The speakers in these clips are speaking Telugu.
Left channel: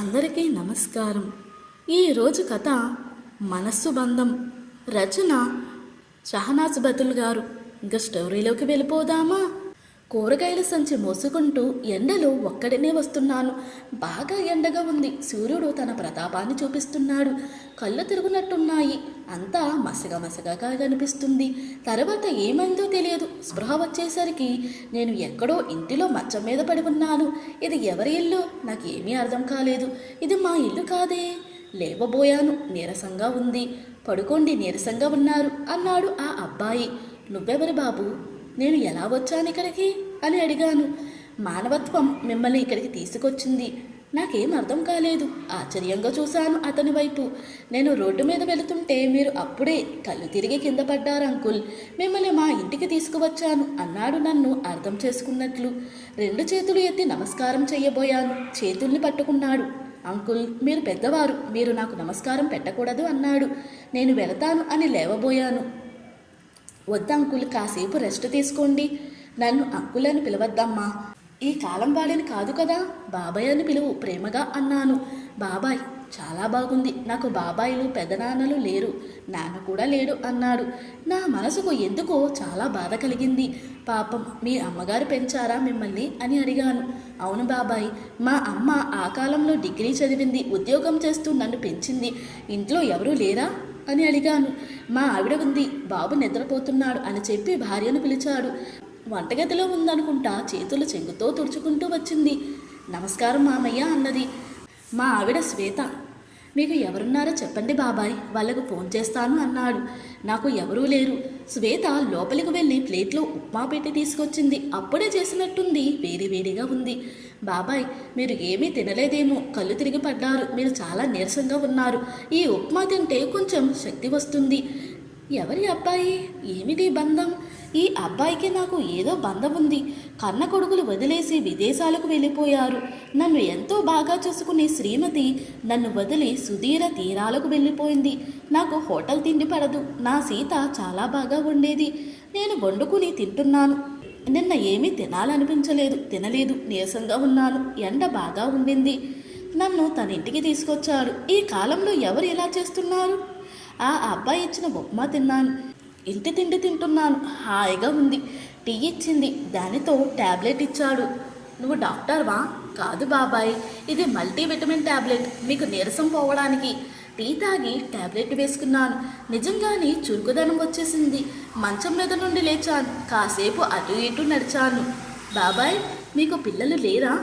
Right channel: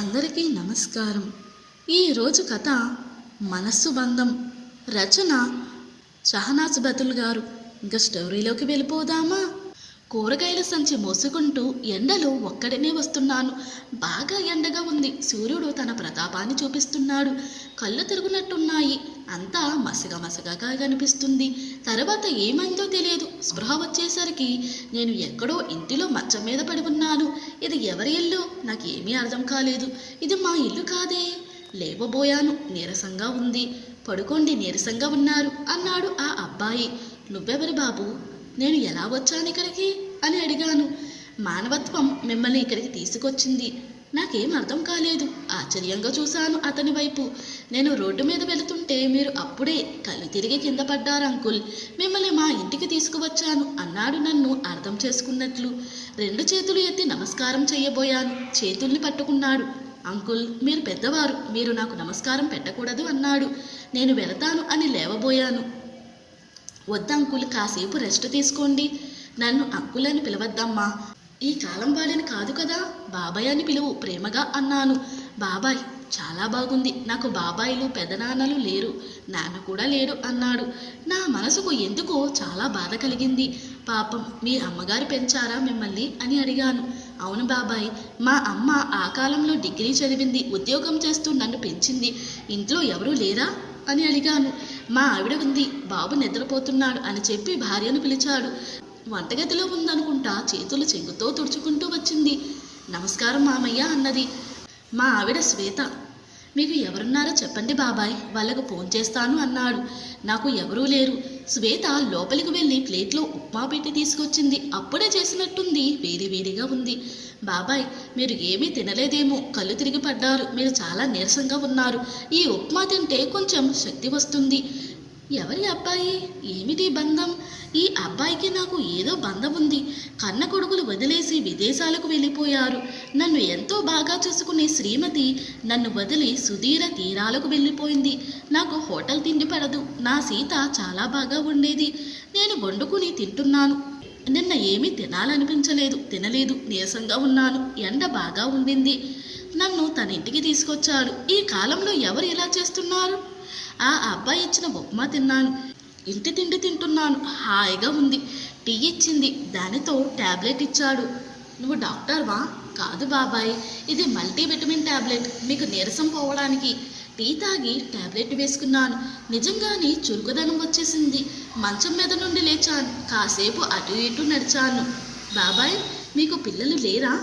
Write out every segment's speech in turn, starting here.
అందరికీ నమస్కారం. ఈరోజు కథ మనస్సు బంధం. రచన షహనాజ్ బతుల్ గారు. ఇంకా స్టోరీలోకి వెళ్ళిపోదామా? కూరగాయల సంచి మోసుకుంటూ ఎండలో ఒక్కడినే వస్తున్నాను. బాగా ఎండగా ఉంది. సూర్యుడు తన ప్రతాపాన్ని చూపిస్తున్నాడు. కళ్ళు తిరుగునట్టున్నాయి. అంతా మసగమసగగా కనిపిస్తుంది. తర్వాత ఏమైందో తెలియదు. స్పృహ వచ్చేసరికి నేను ఎక్కడో ఇంటిలో మంచం మీద పడి ఉన్నాను. ఇది ఎవరి ఇల్లు? నాకేమీ అర్థం కాలేదు. ఇది మా ఇల్లు కాదే. లేవబోయాను. నీరసంగా ఉంది. పడుకోండి, నీరసంగా ఉన్నారు అన్నాడు ఆ అబ్బాయి. నువ్వెవరు బాబు? నేను ఎలా వచ్చాను ఇక్కడికి అని అడిగాను. మానవత్వం మిమ్మల్ని ఇక్కడికి తీసుకొచ్చింది. నాకేం అర్థం కాలేదు. ఆశ్చర్యంగా చూశాను అతని వైపు. నేను రోడ్డు మీద వెళుతుంటే మీరు అప్పుడే కళ్ళు తిరిగి కింద పడ్డారు అంకుల్. మిమ్మల్ని మా ఇంటికి తీసుకువచ్చాను అన్నాడు నన్ను అర్థం చేసుకున్నట్లు. 2 చేతులు ఎత్తి నమస్కారం చెయ్యబోయాను. చేతుల్ని పట్టుకున్నాడు. అంకుల్, మీరు పెద్దవారు, మీరు నాకు నమస్కారం పెట్టకూడదు అన్నాడు. నేను వెళతాను అని లేవబోయాను. వద్దంకుల్, కాసేపు రెస్ట్ తీసుకోండి. నన్ను అంకుల్ అని పిలవద్దమ్మా. ఈ కాలం వాడిని కాదు కదా, బాబాయ్ అని పిలువు ప్రేమగా అన్నాను. బాబాయ్ చాలా బాగుంది. నాకు బాబాయిలు పెదనాన్నలు లేరు, నాన్న కూడా లేడు అన్నాడు. నా మనసుకు ఎందుకో చాలా బాధ కలిగింది. పాపం, మీ అమ్మగారు పెంచారా మిమ్మల్ని అని అడిగాను. అవును బాబాయ్, మా అమ్మ ఆ కాలంలో డిగ్రీ చదివింది, ఉద్యోగం చేస్తూ నన్ను పెంచింది. ఇంట్లో ఎవరూ లేరా అని అడిగాను. మా ఆవిడ ఉంది, బాబు నిద్రపోతున్నాడు అని చెప్పి భార్యను పిలిచాడు. వంటగదిలో ఉందనుకుంటా. చేతులు చెంగుతో తుడుచుకుంటూ వచ్చింది. నమస్కారం మామయ్య అన్నది. మా ఆవిడ శ్వేత. మీకు ఎవరున్నారో చెప్పండి బాబాయ్, వాళ్ళకు ఫోన్ చేస్తాను అన్నాడు. నాకు ఎవరూ లేరు. శ్వేత లోపలికి వెళ్ళి ప్లేట్లో ఉప్మా పెట్టి తీసుకొచ్చింది. అప్పుడే చేసినట్టుంది, వేడివేడిగా ఉంది. బాబాయ్, మీరు ఏమీ తినలేదేమో, కళ్ళు తిరిగి పడ్డారు, మీరు చాలా నీరసంగా ఉన్నారు. ఈ ఉప్మా తింటే కొంచెం శక్తి వస్తుంది. ఎవరి అబ్బాయి? ఏమిటి బంధం? ఈ అబ్బాయికి నాకు ఏదో బంధం ఉంది. కన్న కొడుకులు వదిలేసి విదేశాలకు వెళ్ళిపోయారు. నన్ను ఎంతో బాగా చూసుకునే శ్రీమతి నన్ను వదిలి సుదీర తీరాలకు వెళ్ళిపోయింది. నాకు హోటల్ తిండి పడదు. నా సీత చాలా బాగా వండేది. నేను వండుకుని తింటున్నాను. నిన్న ఏమీ తినలేదు. నీరసంగా ఉన్నాను. ఎండ బాగా ఉండింది. నన్ను తన ఇంటికి తీసుకొచ్చాడు. ఈ కాలంలో ఎవరు ఇలా చేస్తున్నారు? ఆ అబ్బాయి ఇచ్చిన ఉప్మా తిన్నాను. ఇంటి తిండి తింటున్నాను. హాయిగా ఉంది. టీ ఇచ్చింది, దానితో ట్యాబ్లెట్ ఇచ్చాడు. నువ్వు డాక్టర్వా? కాదు బాబాయ్, ఇది మల్టీవిటమిన్ ట్యాబ్లెట్, మీకు నీరసం పోవడానికి. టీ తాగి ట్యాబ్లెట్ వేసుకున్నాను. నిజంగానే చురుకుదనం వచ్చేసింది. మంచం మీద నుండి లేచాను. కాసేపు అటు ఇటు నడిచాను. బాబాయ్, మీకు పిల్లలు లేరా?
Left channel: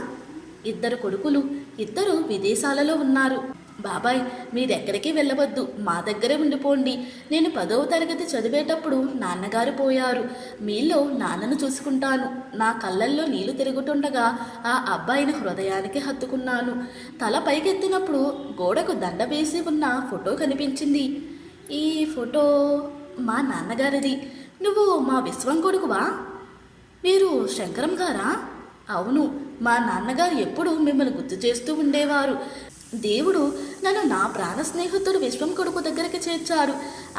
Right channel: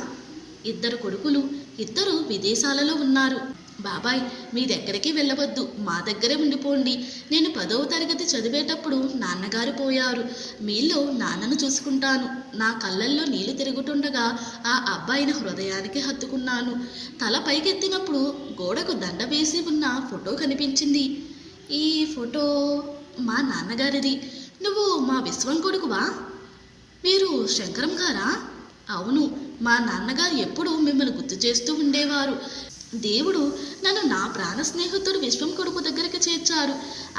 2 కొడుకులు, 2 విదేశాలలో ఉన్నారు. బాబాయ్, మీరెక్కడికి వెళ్ళవద్దు, మా దగ్గరే ఉండిపోండి. నేను 10వ తరగతి చదివేటప్పుడు నాన్నగారు పోయారు. మీలో నాన్నను చూసుకుంటాను. నా కళ్ళల్లో నీళ్లు తిరుగుతుండగా ఆ అబ్బాయిని హృదయానికి హత్తుకున్నాను. తల పైకెత్తినప్పుడు గోడకు దండ వేసి ఉన్న ఫోటో కనిపించింది. ఈ ఫోటో మా నాన్నగారిది. నువ్వు మా విశ్వం కొడుకువా? మీరు శంకరం గారా? అవును, మా నాన్నగారు ఎప్పుడూ మిమ్మల్ని గుర్తు చేస్తూ ఉండేవారు. దేవుడు నన్ను నా ప్రాణ స్నేహితుడు విశ్వం కొడుకు దగ్గరికి చేర్చారు.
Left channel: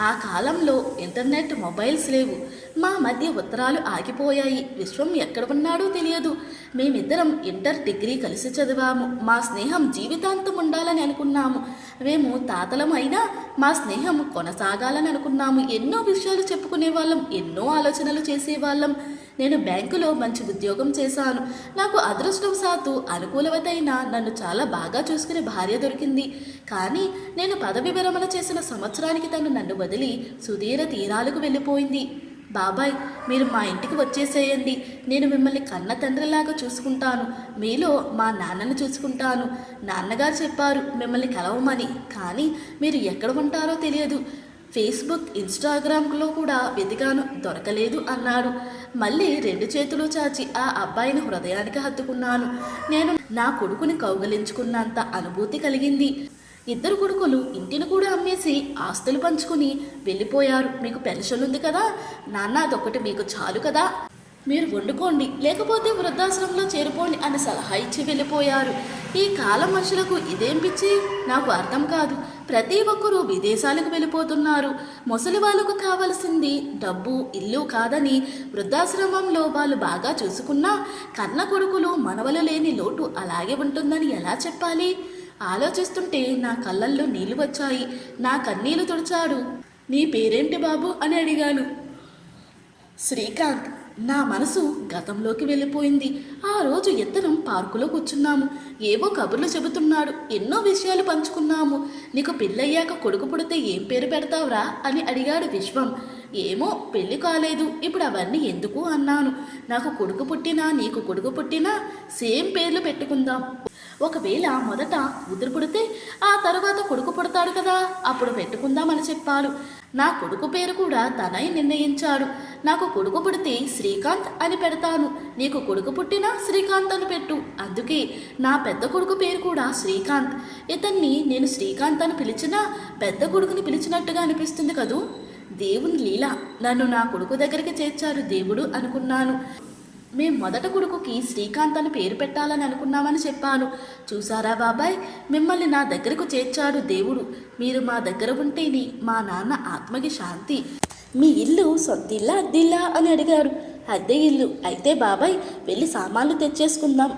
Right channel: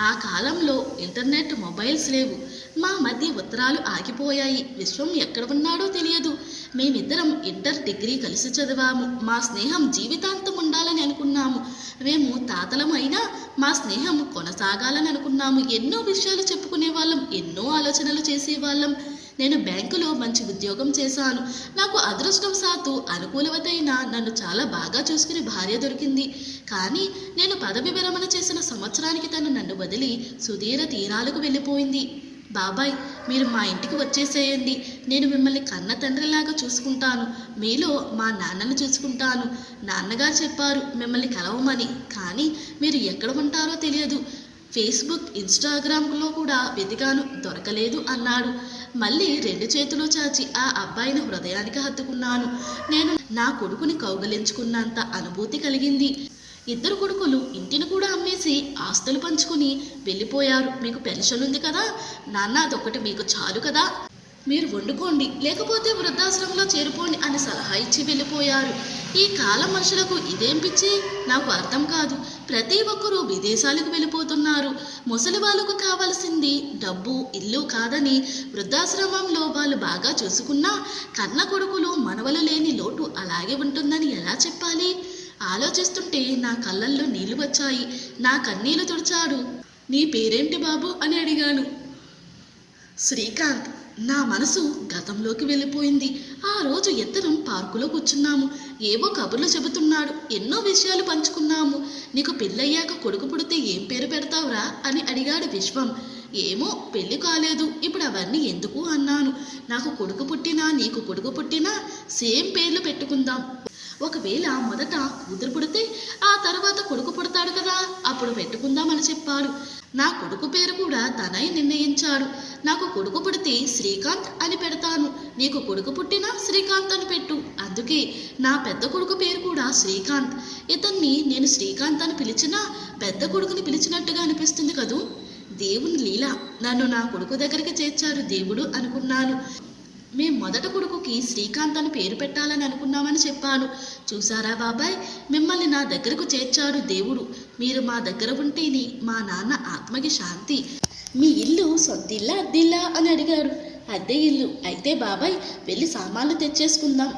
ఆ కాలంలో ఇంటర్నెట్, మొబైల్స్ లేవు. మా మధ్య ఉత్తరాలు ఆగిపోయాయి. విశ్వం ఎక్కడ ఉన్నాడో తెలియదు. మేమిద్దరం ఇంటర్, డిగ్రీ కలిసి చదివాము. మా స్నేహం జీవితాంతం ఉండాలని అనుకున్నాము. మేము తాతలం అయినా మా స్నేహం కొనసాగాలని అనుకున్నాము. ఎన్నో విషయాలు చెప్పుకునేవాళ్ళం, ఎన్నో ఆలోచనలు చేసేవాళ్ళం. నేను బ్యాంకులో మంచి ఉద్యోగం చేశాను. నాకు అదృష్టవశాత్తు అనుకూలవతైన నన్ను చాలా బాగా చూసుకునే భార్య దొరికింది. కానీ నేను పదవి విరమణ చేసిన సంవత్సరానికి తను నన్ను వదిలి సుదీర తీరాలకు వెళ్ళిపోయింది. బాబాయ్, మీరు మా ఇంటికి వచ్చేసేయండి. నేను మిమ్మల్ని కన్న తండ్రిలాగా చూసుకుంటాను. మీలో మా నాన్నను చూసుకుంటాను. నాన్నగారు చెప్పారు మిమ్మల్ని కలవమని. కానీ మీరు ఎక్కడ ఉంటారో తెలియదు. ఫేస్బుక్, ఇన్స్టాగ్రామ్లో కూడా వెతికాను, దొరకలేదు అన్నాడు. మళ్ళీ 2 చేతులు చాచి ఆ అబ్బాయిని హృదయానికి హత్తుకున్నాను. నేను నా కొడుకుని కౌగలించుకున్నంత అనుభూతి కలిగింది. 2 కొడుకులు ఇంటిని కూడా అమ్మేసి ఆస్తులు పంచుకుని వెళ్ళిపోయారు. మీకు పెన్షన్ ఉంది కదా నాన్న, అదొకటి మీకు చాలు కదా, మీరు వండుకోండి, లేకపోతే వృద్ధాశ్రమంలో చేరిపోండి అని సలహా ఇచ్చి వెళ్ళిపోయారు. ఈ కాలం మనుషులకు ఇదేం పిచ్చి? నాకు అర్థం కాదు. ప్రతి ఒక్కరూ విదేశాలకు వెళ్ళిపోతున్నారు. ముసలి వాళ్ళకు కావాల్సింది డబ్బు, ఇల్లు కాదని వృద్ధాశ్రమంలో వాళ్ళు బాగా చూసుకున్నా కన్న కొడుకులు మనవలు లేని లోటు అలాగే ఉంటుందని ఎలా చెప్పాలి? ఆలోచిస్తుంటే నా కళ్ళల్లో నీళ్లు వచ్చాయి. నా కన్నీళ్లు తుడిచాడు. నీ పేరేంటి బాబు అని అడిగాను. శ్రీకాంత్. నా మనసు గతంలోకి వెళ్ళిపోయింది. ఆ రోజు ఇద్దరం పార్కులో కూర్చున్నాము. ఏవో కబుర్లు చెబుతున్నాడు. ఎన్నో విషయాలు పంచుకున్నాము. నీకు పెళ్ళయ్యాక కొడుకు పుడితే ఏం పేరు పెడతావురా అని అడిగాడు విశ్వం. ఏమో, పెళ్లి కాలేదు, ఇప్పుడు అవన్నీ ఎందుకు అన్నాను. నాకు కొడుకు పుట్టినా నీకు కొడుకు పుట్టినా సేమ్ పేర్లు పెట్టుకుందాం. ఒకవేళ మొదట కూతురు పుడితే ఆ తర్వాత కొడుకు పుడతాడు కదా, అప్పుడు పెట్టుకుందామని చెప్పాడు. నా కొడుకు పేరు కూడా తనై నిర్ణయించాడు. నాకు కొడుకు పుడితే శ్రీకాంత్ అని పెడతాను, నీకు కొడుకు పుట్టినా శ్రీకాంత్ అని పెట్టు. అందుకే నా పెద్ద కొడుకు పేరు కూడా శ్రీకాంత్. ఇతన్ని నేను శ్రీకాంత్ అని పిలిచినా పెద్ద కొడుకుని పిలిచినట్టుగా అనిపిస్తుంది కదూ. దేవుని లీల, నన్ను నా కొడుకు దగ్గరికి చేర్చాడు దేవుడు అనుకున్నాను. మేం మొదట కొడుకుకి శ్రీకాంత్ అని పేరు పెట్టాలని అనుకున్నామని చెప్పాను. చూసారా బాబాయ్, మిమ్మల్ని నా దగ్గరకు చేర్చాడు దేవుడు. మీరు మా దగ్గర ఉంటేనే మా నాన్న ఆత్మకి శాంతి. మీ ఇల్లు సొంతిల్లా అద్దిల్లా అని అడిగాడు. అద్దె ఇల్లు అయితే బాబాయ్ వెళ్ళి సామాన్లు తెచ్చేసుకుందాం.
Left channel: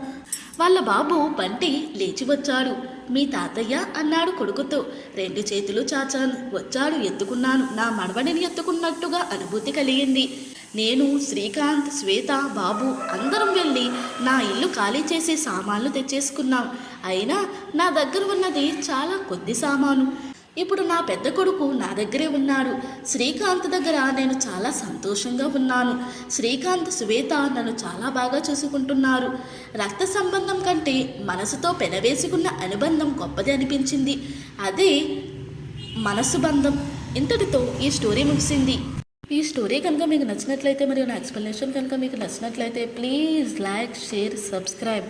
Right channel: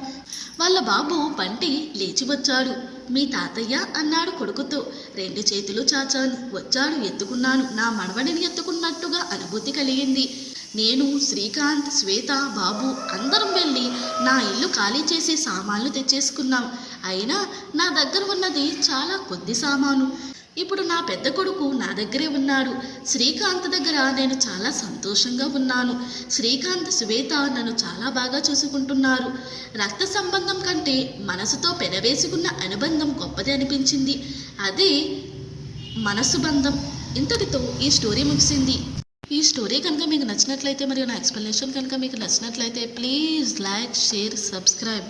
వాళ్ళ బాబు బంటి లేచి వచ్చాడు. మీ తాతయ్య అన్నాడు కొడుకుతో. 2 చేతులు చాచాను. వచ్చాడు, ఎత్తుకున్నాను. నా మనవడిని ఎత్తుకున్నట్టుగా అనుభూతి కలిగింది. నేను, శ్రీకాంత్, శ్వేత, బాబు అందరం వెళ్ళి నా ఇల్లు ఖాళీ చేసి సామాన్లు తెచ్చేసుకున్నాం. అయినా నా దగ్గర ఉన్నది చాలా కొద్ది సామాను. ఇప్పుడు నా పెద్ద కొడుకు నా దగ్గరే ఉన్నాడు. శ్రీకాంత్ దగ్గర నేను చాలా సంతోషంగా ఉన్నాను. శ్రీకాంత్, శ్వేత నన్ను చాలా బాగా చూసుకుంటున్నారు. రక్త సంబంధం కంటే మనసుతో పెనవేసుకున్న అనుబంధం గొప్పది అనిపించింది. అదే మనసు బంధం. ఇంతటితో ఈ స్టోరీ ముగిసింది. ఈ స్టోరీ కనుక మీకు నచ్చినట్లయితే మరియు నా ఎక్స్ప్లెనేషన్ కనుక మీకు నచ్చినట్లయితే ప్లీజ్ లైక్, షేర్, సబ్స్క్రైబ్.